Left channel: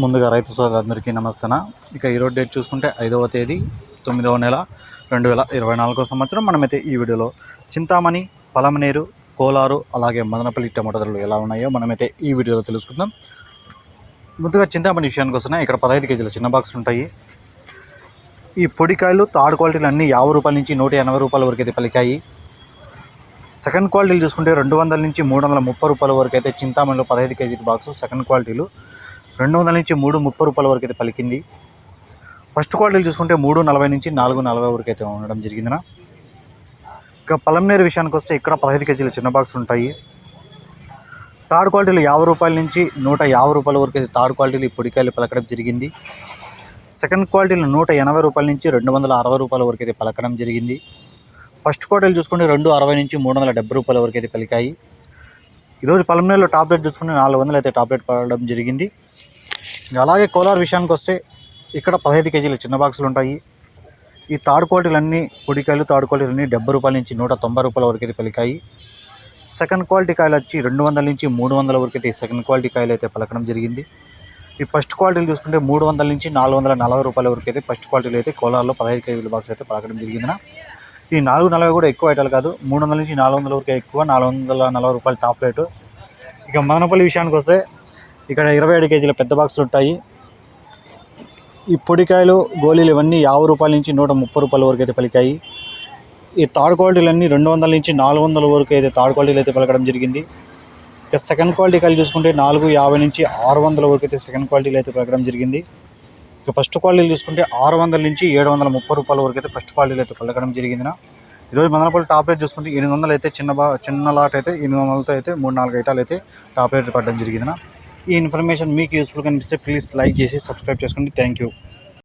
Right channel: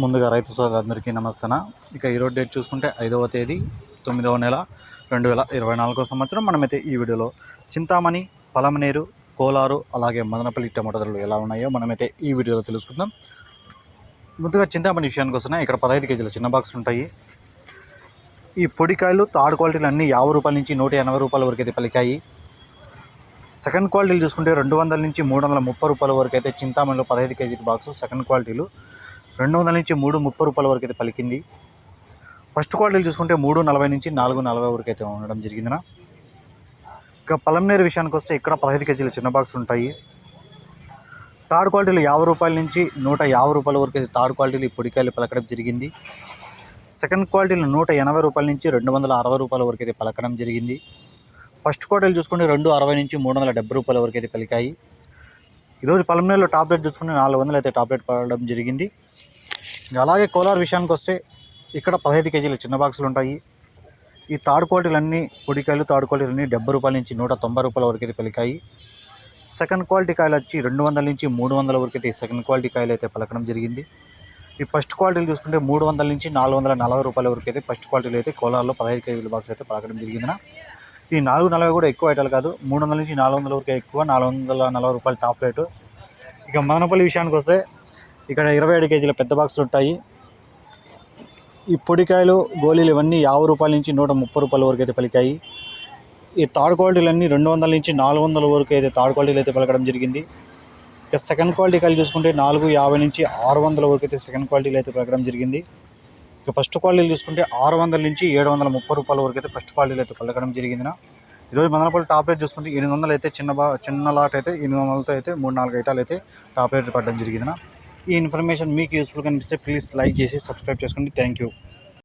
ముందుగా రైతు సోదరులందరికీ నమస్తన. ఇక ఈరోజు డేట్ చూసుకుంటే ఐదవ తేదీ తొమ్మిదవ నెల రెండు వేల ఇరవై నాలుగో సంవత్సరం. మనమైతే ఈ వీడియోలో చింతామణి పలమనేరు కోలారు అలాగే మదనపల్లి టమాటా ధరలు ఎలా ఉన్నాయో మనమైతే ఈ వీడియోలో తెలుసుకుందాం. ముందుగా చింతామణి విషయానికి వస్తున్నా ఇక్కడ పదహైదు కేజీల చిన్న బాక్సులు ఉంటాయి. ఈ పొడికాయలు థర్డ్ క్వాలిటీలు అన్నీ యాభై రూపాయల నుంచి నూట ఎనభై రూపాయల వరకు అయితే పలికాయి. సెకండ్ క్వాలిటీలు చూసుకుంటే రెండు వందల నుంచి మూడు వందల ముప్పై రూపాయల వరకు అయితే చింతామణిలో పదహైదు కేజీల బాక్స్ సెకండ్ క్వాలిటీలు రెండు వందల నుంచి మూడు ముప్పై రూపాయల వరకు అయితే పలికింది. ఫస్ట్ క్వాలిటీలు చూసుకుంటే మూడు నలభై నుంచి నాలుగు నలభై వరకు అయితే ఉండడం జరిగిందినా. ఇక పలంనేరు విషయానికి వస్తే ఇక్కడ పదహైదు కేజీల చిన్న బాక్స్ ఉంటాయి. థర్డ్ క్వాలిటీలు యాభై రూపాయల నుంచి నూట యాభై రూపాయల వరకు అయితే థర్డ్ క్వాలిటీలు ఈ పొడికాయలు పలకడం జరిగింది. సెకండ్ క్వాలిటీలు నూట ఎనభై రూపాయల నుంచి రెండు వందల అరవై రూపాయల వరకు అయితే పలకడం జరిగింది. ఫస్ట్ క్వాలిటీలు చూసుకుంటే రెండు అరవై నుంచి మూడు వందల డెబ్బై రూపాయల వరకు అయితే పలికాయి. ఈరోజు పలమనేరులో టాబ్లెట్ చూసుకుంటే నాలుగు వందలు అయితే టాబ్లెట్ పడడం జరిగింది. అలాగే కోలార్ విషయానికి వస్తే ఇక్కడ పదహైదు కేజీల చిన్న బాక్సులు ఉంటాయి. ఈ తాడుకోటిలన్నీ పొడికాయలు తాడుకోటిలన్నీ డెబ్బై రూపాయల నుంచి నూట తొంభై రూపాయల వరకు అయితే పలికాయి. సెకండ్ క్వాలిటీ కాయలు వచ్చి రెండు వందల నుంచి మూడు వందల వరకు అయితే సెకండ్ క్వాలిటీ కాయలు అయితే పలకడం జరిగింది. ఈ ఫస్ట్ క్వాలిటీలు చూసుకుంటే మూడు వందల నుంచి నాలుగు వందల నలభై రూపాయల వరకు అయితే ఫస్ట్ క్వాలిటీలు అయితే కోలార్లో పదహైదు కేజీల బాక్స్ అయితే పలకడం జరిగిందిన. ఈ నాలుగు నలభై కూడా ఎక్కువ ఐటాలు కాదు మూడు వందల నుంచి నాలుగు వందల వరకు ఎక్కువ నాలుగు వందల నలభై రూపాయలు టాప్ రేటు. ఇక మదనపల్లి విషయానికి వస్తే ఇక్కడ ఇరవై ఏడు కేజీల పెద్ద బాక్సులు ఉంటాయి. ఈ పొడికాయలు గోళీలు ఇవన్నీ యాభై రూపాయల నుంచి నూట ముప్పై రూపాయల వరకు అయితే పలికాయి. ఈ థర్డ్ క్వాలిటీలన్నీ రెండు వందల నుంచి నాలుగు వందల వరకు అయితే థర్డ్ క్వాలిటీలు అయితే పలకడం జరిగింది. ఇక సెకండ్ క్వాలిటీ కాయలు చూసుకుంటే నాలుగు యాభై నుంచి ఆరు వందల వరకు అయితే సెకండ్ క్వాలిటీలు అయితే పలకడం జరిగింది. ఇక ఫస్ట్ క్వాలిటీలు చూసుకుంటే ఆరు వందల నుంచి ఏడు వందల ముప్పై రూపాయల వరకు అయితే ఫస్ట్ క్వాలిటీలు అయితే పలకడం జరిగిందిన. ఈరోజు మదనపల్లి టాప్ రేట్ చూసుకుంటే ఎనిమిది వందలు అయితే చిన్న బా చిన్న లాట్ అయితే ఎనిమిది వందలతో అయితే మూడు నాలుగు ఐటాలు అయితే టాప్ రేట్ పడడం జరిగిందినా. ఈ ఇన్ఫర్మేషన్ మీకు యూస్ఫుల్ కనిపిస్తే ప్లీజ్ లైక్ చేసి సబ్స్క్రైబ్ చేసుకోండి. Thank you